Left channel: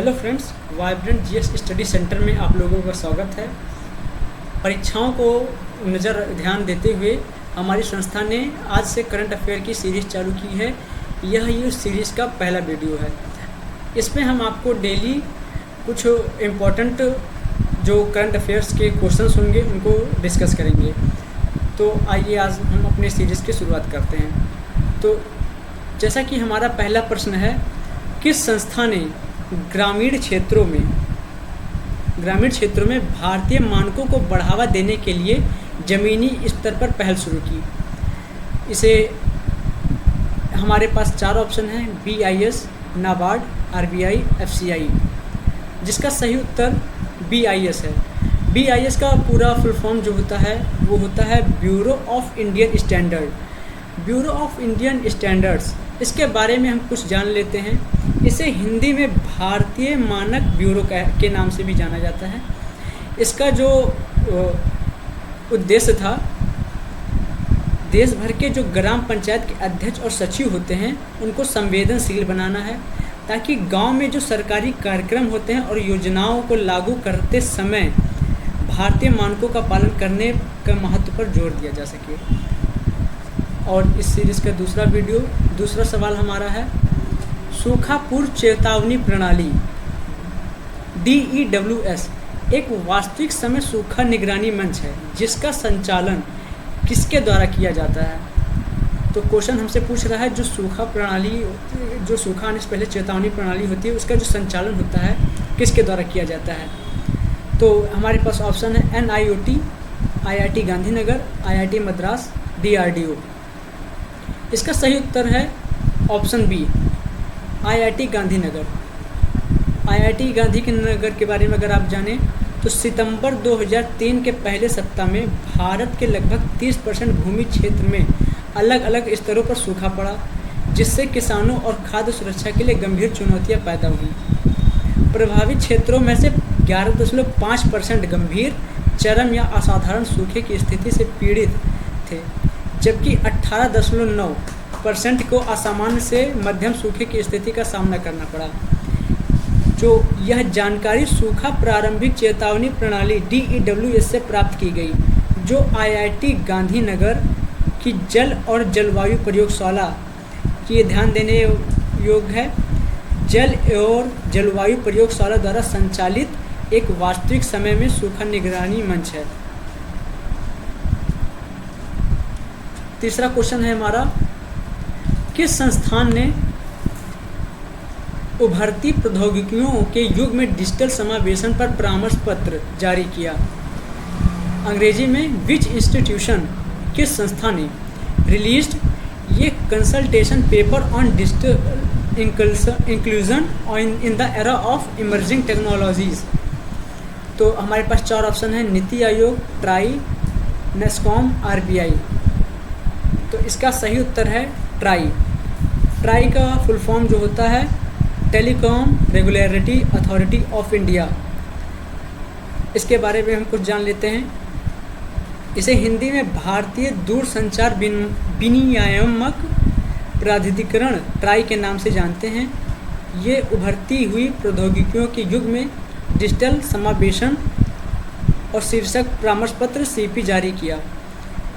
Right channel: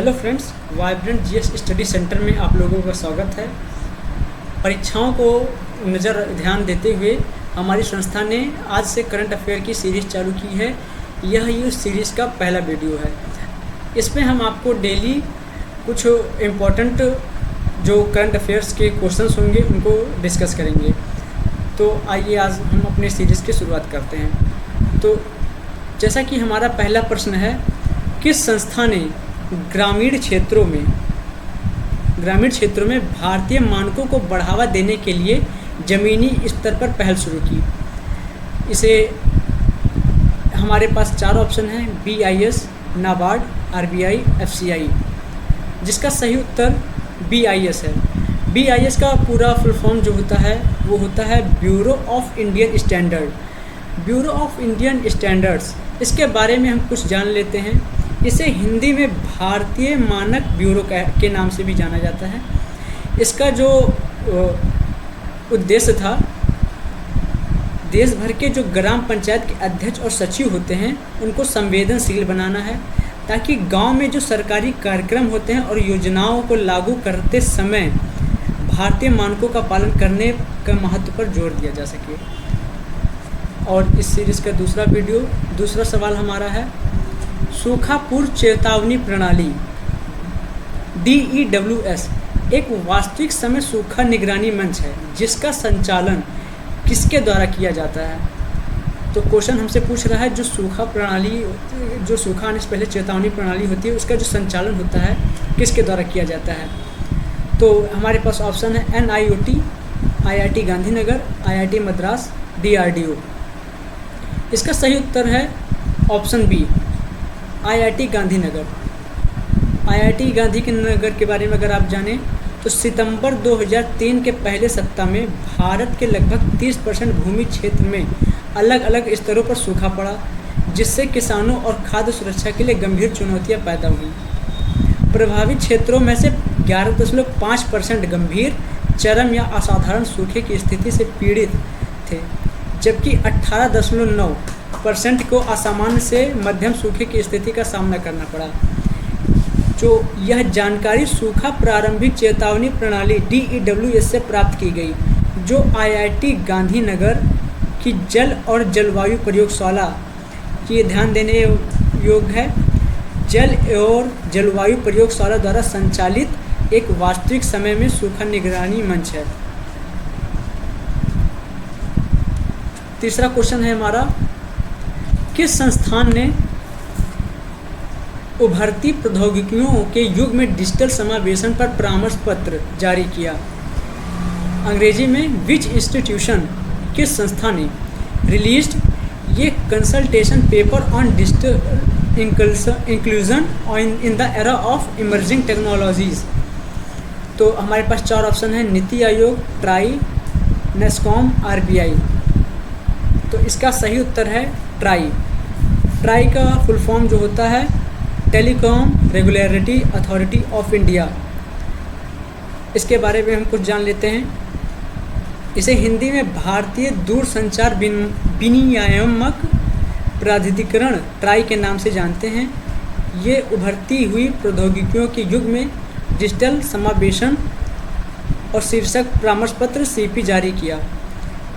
Hello friends, vibrant GS study centre में आप लोगों का स्वागत है। परीक्षाओं को ध्यान देते हुए हमारी संस्था ने आज से करंट अफेयर की सीरीज़ चालू की है। यह उस सीरीज़ का पहला वीडियो है। इसमें हम आपको डेली कुछ इम्पोर्टेंट जो करंट अफेयर्स के क्वेश्चंस होंगे उनको डिस्कस करेंगे। तो आइए आज हम अपने सीरीज़ की शुरुआत करते हैं। तो जैसा कि हमारा पहला प्रश्न है, किस संस्था ने ग्रामीण क्षेत्रों में भारतीय मानकों को बढ़ावा देने के लिए ज़मीनी स्तर पर पहल शुरू की? इसे हमारे पास चार ऑप्शन हैं: BIS, नाबार्ड, RBI, FCI, जिसका सही उत्तर BIS है। BIS का पूरा फुल फॉर्म जो होता है वो होता है bureau of Indian standard. Bureau of Indian standards, इसके बारे में हम कुछ जान लेते हैं। इसे हिंदी में भारतीय मानक ब्यूरो के नाम से भी जाना जाता है। इसका जो उद्देश्य था, देश भर के जो ग्राम पंचायत के अध्यक्ष और सचिव होते हैं उनको संवेदनशील बनाना है, ताकि गांव में जो सरकारी कार्यक्रम होते हैं और योजनाओं को लागू करते समय भारतीय मानकों का पालन करने का महत्व पर जोर दिया जा सके। और इस सीरीज़ का दूसरा सवाल हमारा है, सूखा पूर्व चेतावनी प्रणाली DEWS एक वास्तविक समय सूखा निगरानी मंच है, जिसका संचालन किसके द्वारा किया जाता है? तो क्वेश्चन हमसे पूछ रहा है, जो सूखा आने से पहले चेतावनी प्रणाली होती है उसका जो संचालन होता है किसके द्वारा किया जाता है? तो हमारे पास ऑप्शन है NIOT, IIT Gandhinagar, IIT Madras, DRDO। इसका सही उत्तर है option B, IIT Gandhinagar. IIT Gandhinagar के बारे में अगर आप जानें तो सितंबर 2003 के पहले सप्ताह में भारत के लगभग 30% भूमि क्षेत्र में अलग अलग स्तरों पर सूखा पड़ा, जिससे किसानों और खाद्य सुरक्षा के लिए गंभीर चुनौतियां पैदा हुई। प्रभावित क्षेत्रों में से 11.5% गंभीर, चरम या असाधारण सूखे की स्थिति से पीड़ित थे, जबकि 18.9% को असामान्य से मध्यम सूखे की स्थिति का सामना करना पड़ा। जो यह जानकारी सूखा प्रारंभिक चेतावनी प्रणाली DEWS से प्राप्त की गई, जो IIT गांधीनगर की जल और जलवायु प्रयोगशाला की ध्यान देने योग्य है। जल और जलवायु प्रयोगशाला द्वारा संचालित एक वास्तविक समय में सूखा निगरानी मंच है। तीसरा क्वेश्चन है हमारा, किस संस्थान ने उभरती प्रौद्योगिकियों के युग में डिजिटल समावेशन पर परामर्श पत्र जारी किया? अंग्रेजी में विच इंस्टीट्यूशन, किस संस्था ने रिलीज्ड ये consultation paper on digital inclusion in the era of emerging technologies? तो हमारे पास चार ऑप्शन है: NITI Aayog, try, NASSCOM, RBI। तो इसका सही उत्तर है ट्राई। ट्राई का फुल फॉर्म जो होता है telecom regulatory authority of India. इसके बारे में हम कुछ जान लेते हैं। इसे हिंदी में भारतीय दूरसंचार विनियामक प्राधिकरण ट्राई के नाम से जानते हैं। ये उभरती हुई प्रौद्योगिकियों के युग में डिजिटल समावेशन और शीर्षक परामर्श पत्र CP जारी किया।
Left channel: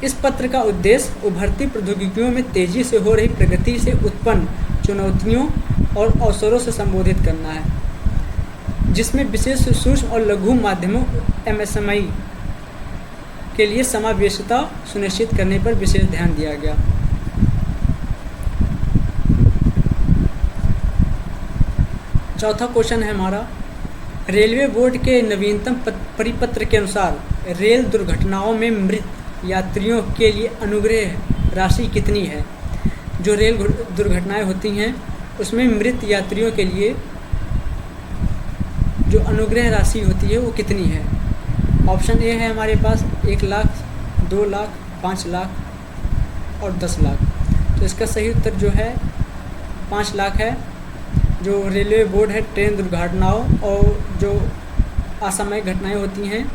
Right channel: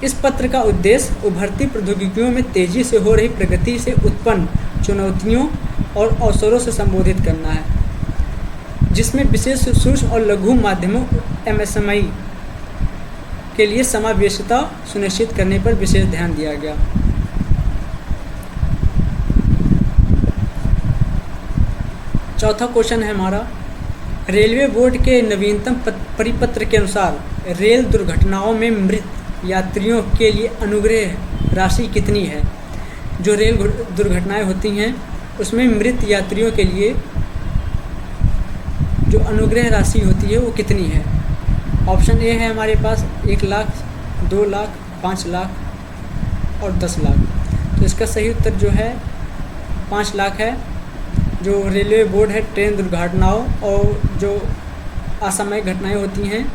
इस पत्र का उद्देश्य उभरती प्रौद्योगिकियों में तेजी से हो रही प्रगति से उत्पन्न चुनौतियों और अवसरों से संबोधित करना है, जिसमें विशेष सूक्ष्म और लघु माध्यमों MSME के लिए समावेशिता सुनिश्चित करने पर विशेष ध्यान दिया गया। चौथा क्वेश्चन है हमारा, रेलवे बोर्ड के नवीनतम परिपत्र के अनुसार रेल दुर्घटनाओं में मृत यात्रियों के लिए अनुग्रह राशि कितनी है? जो रेल दुर्घटनाएं होती हैं उसमें मृत यात्रियों के लिए जो अनुग्रह राशि होती है वो कितनी है? ऑप्शन ए है हमारे पास 1 लाख, 2 लाख, 5 लाख और 10 लाख। तो इसका सही उत्तर जो है 5 लाख है। जो रेलवे बोर्ड है ट्रेन दुर्घटनाओं और जो असामयिक घटनाएं होती हैं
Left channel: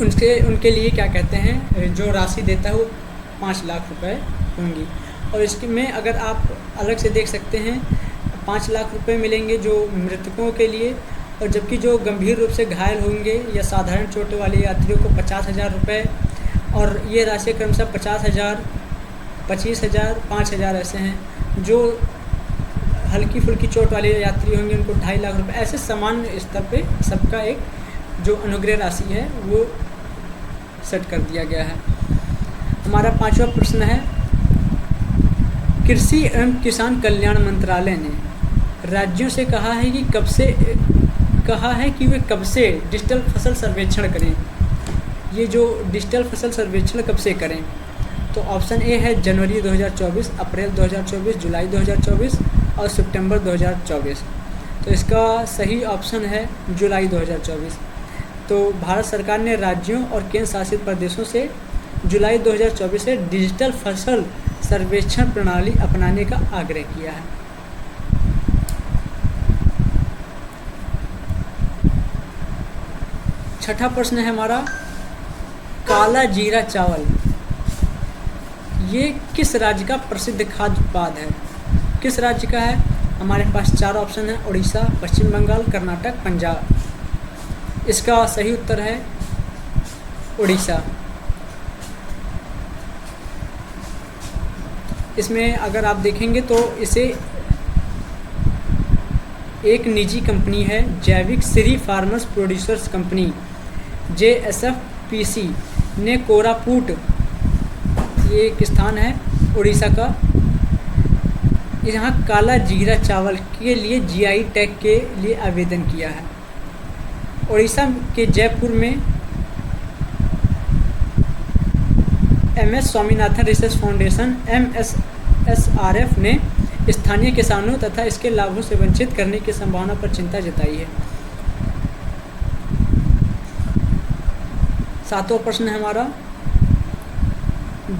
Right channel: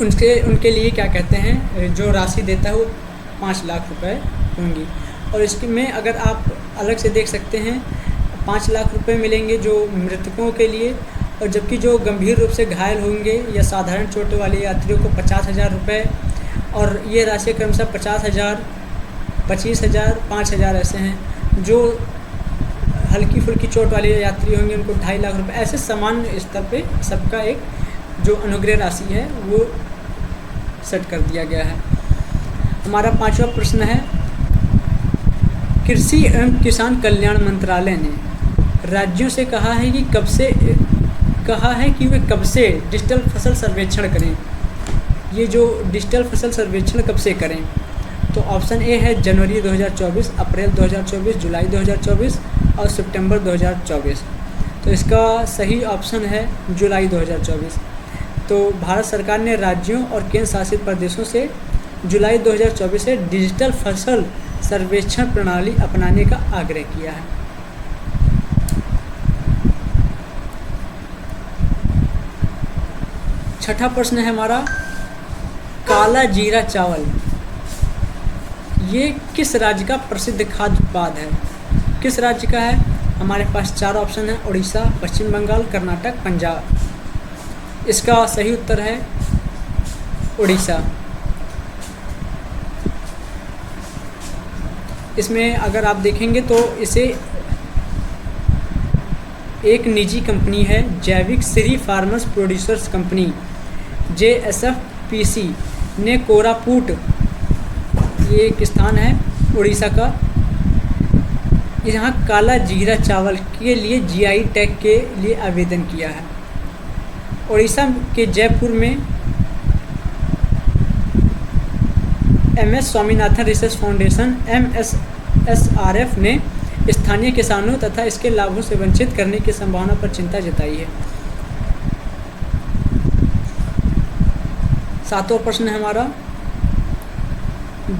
उनके लिए क्या कहते हैं, जो राशि देता है वो 5 लाख रुपए होंगी। और इसके में अगर आप अलग से देख सकते हैं 5 लाख रुपए मिलेंगे जो मृतकों के लिए, और जबकि जो गंभीर रूप से घायल होंगे या साधारण चोट वाले यात्रियों को 50,000 रुपये, और ये राशि क्रमशः 50,000, 25,000, 5,000 ऐसे हैं। जो हल्की फुल्की चोट वाले यात्री होंगे उनको 2.5 लाख रुपए, ऐसे सामान्य स्तर पे सबका एक जो अनुग्रह राशि है वो सेट कर दिया गया है। हमारा 5वां प्रश्न है, कृषि एवं किसान कल्याण मंत्रालय ने राज्यों से कहा है कि वे कब से डिजिटल फसल सर्वेक्षण करें। ये जो डिजिटल फसल सर्वेक्षण कब से करें, तो ऑप्शन ए है जनवरी 2024, अप्रैल 2024, जुलाई 2024 और सितंबर 2024। तो इसका सही ऑप्शन है जुलाई 2024। तो भारत सरकार ने राज्यों और केंद्र शासित प्रदेशों से जुलाई 2024 से डिजिटल फसल सर्वेक्षण प्रणाली अपनाने का आग्रह किया है। छठा प्रश्न है हमारा, काला जीरा चावल ये किस राज्य का प्रसिद्ध खाद्य उत्पाद है? किस राज्य का है? हमारे पास 4 ऑप्शन है, उड़ीसा, पश्चिम बंगाल, कर्नाटक, पंजाब। इसका सही उत्तर है उड़ीसा। इसमें अगर आप देखेंगे तो इसे एक निजी कंपनी है, जैविक Shri farmers producers company JSFPC ने कोरापुट, ये एक स्थान है उड़ीसा का, यहाँ काला जीरा चावल के लिए GI टैग के लिए आवेदन किया है। उड़ीसा के जयपुर में MS Swaminathan research foundation MSSRF ने स्थानीय किसानों तथा इसके लाभों से वंचित करने की संभावना पर चिंता जताई है। 7वां प्रश्न है हमारा,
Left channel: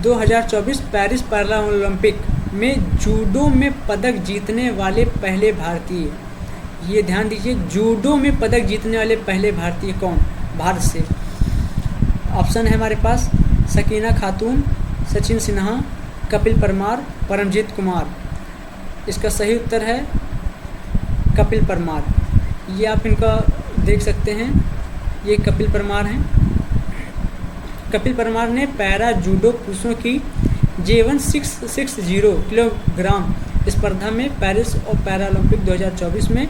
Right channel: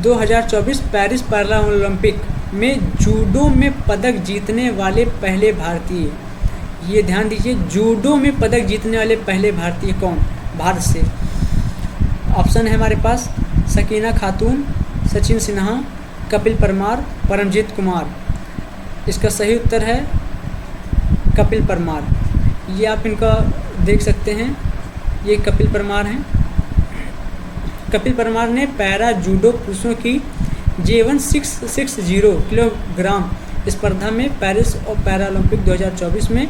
2024 पेरिस पैरालंपिक में जूडो में पदक जीतने वाले पहले भारतीय, ये ध्यान दीजिए, जूडो में पदक जीतने वाले पहले भारतीय कौन? भारत से। ऑप्शन है हमारे पास सकीना खातून, सचिन सिन्हा, कपिल परमार, परमजीत कुमार। इसका सही उत्तर है कपिल परमार। ये आप इनका देख सकते हैं, ये कपिल परमार हैं। कपिल परमार ने पैरा जूडो पुरुषों की J1660 किलोग्राम स्पर्धा में पेरिस और पैरालंपिक 2024 में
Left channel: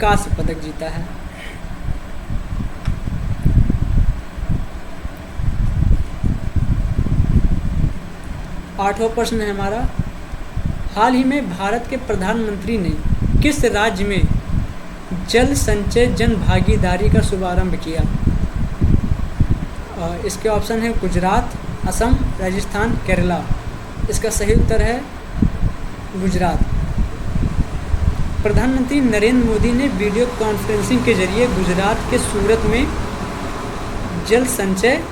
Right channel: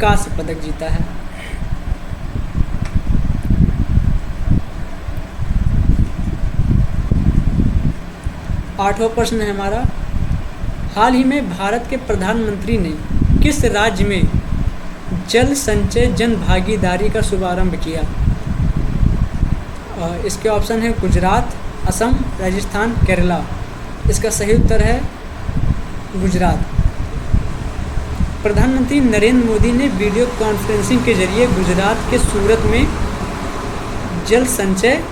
कांस्य पदक जीता है। आठवां प्रश्न है हमारा, हाल ही में भारत के प्रधानमंत्री ने किस राज्य में जल संचय जन भागीदारी का शुभारंभ किया? इसके ऑप्शन है गुजरात, असम, राजस्थान, केरला। इसका सही उत्तर है गुजरात। प्रधानमंत्री नरेंद्र मोदी ने वीडियो कॉन्फ्रेंसिंग के जरिए गुजरात के सूरत में जल संचय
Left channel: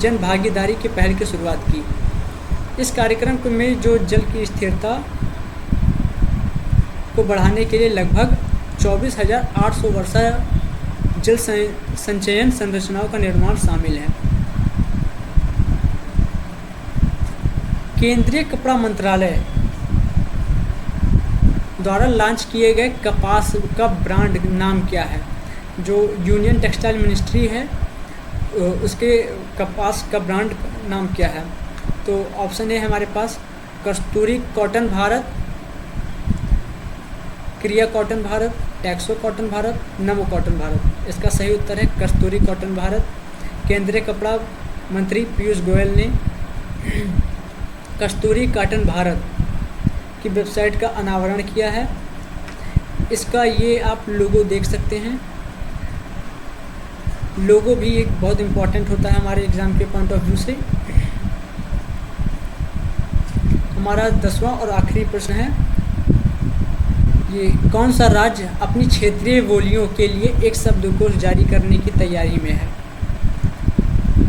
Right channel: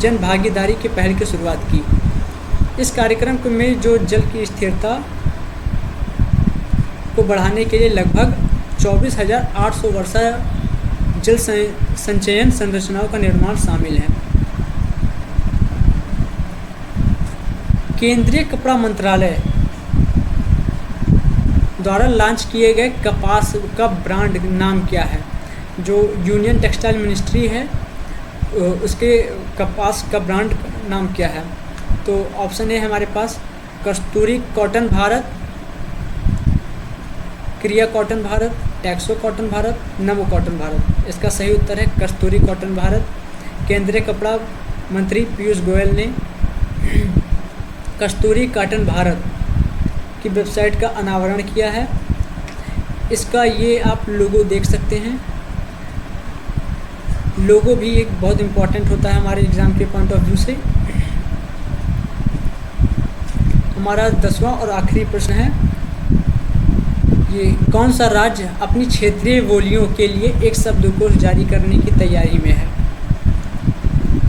जन भागीदारी की पहल की शुरुआत की। इस कार्यक्रम में जो जल की स्थिरता को बढ़ाने के लिए लगभग 24,800 वर्षा जल संचयन संरचनाओं का निर्माण शामिल है। केंद्रीय कपड़ा मंत्रालय द्वारा लॉन्च किए गए कपास का ब्रांड नाम क्या है? जो यूनियन टेक्सटाइल मिनिस्ट्री है उसके कपास का ब्रांड नाम क्या है? तो ऑप्शन ए हमारे पास कस्तूरी कॉटन भारत, क्रिया कॉटन भारत, टैक्सो कॉटन भारत, नमो कॉटन भारत। इसका सही उत्तर है कस्तूरी कॉटन भारत। केंद्रीय कपड़ा मंत्री पीयूष गोयल ने कस्तूरी कॉटन भारत की वेबसाइट का अनावरण किया है। इसका ये आप लोगो देख सकते हैं। लोगो भी एक बहुत इम्पॉर्टेंट होता है हमारे एग्ज़ाम के पॉइंट ऑफ व्यू से। हमारा 10वां और आखिरी प्रश्न है, ये कौन सा राज्य अपनी क्षेत्रीय बोलियों के लिए एक शब्दकोश जारी करने की तैयारी में है?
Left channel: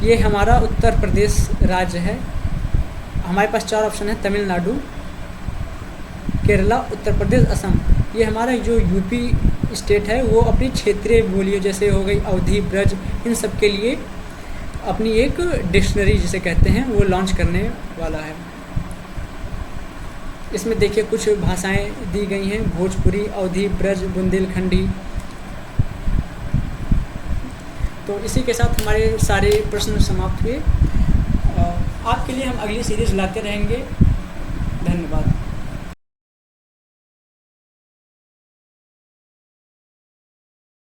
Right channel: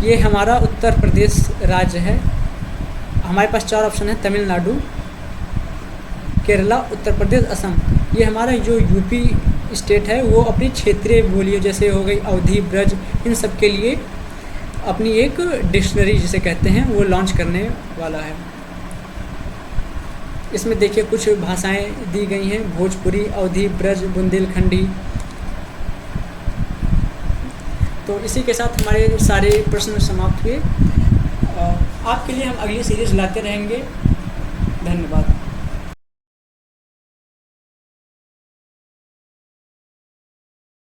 ये हमारा उत्तर प्रदेश राज्य है। हमारे पास 4 ऑप्शन है, तमिलनाडु, केरला, उत्तर प्रदेश, असम। ये हमारा जो यूपी स्टेट है वो अपनी क्षेत्रीय बोलियों जैसे हो गई अवधी, ब्रज, इन सब के लिए अपनी एक डिक्शनरी जिसे कहते हैं वो लॉन्च करने वाला है। इसमें देखिए कुछ भाषाएं दी गई हैं, भोजपुरी, अवधी, ब्रज, बुंदेलखंडी। तो इसी के साथ हमारे सारे प्रश्न समाप्त हुए। आपके लिए हम अगली सीरीज़ लाते रहेंगे। धन्यवाद।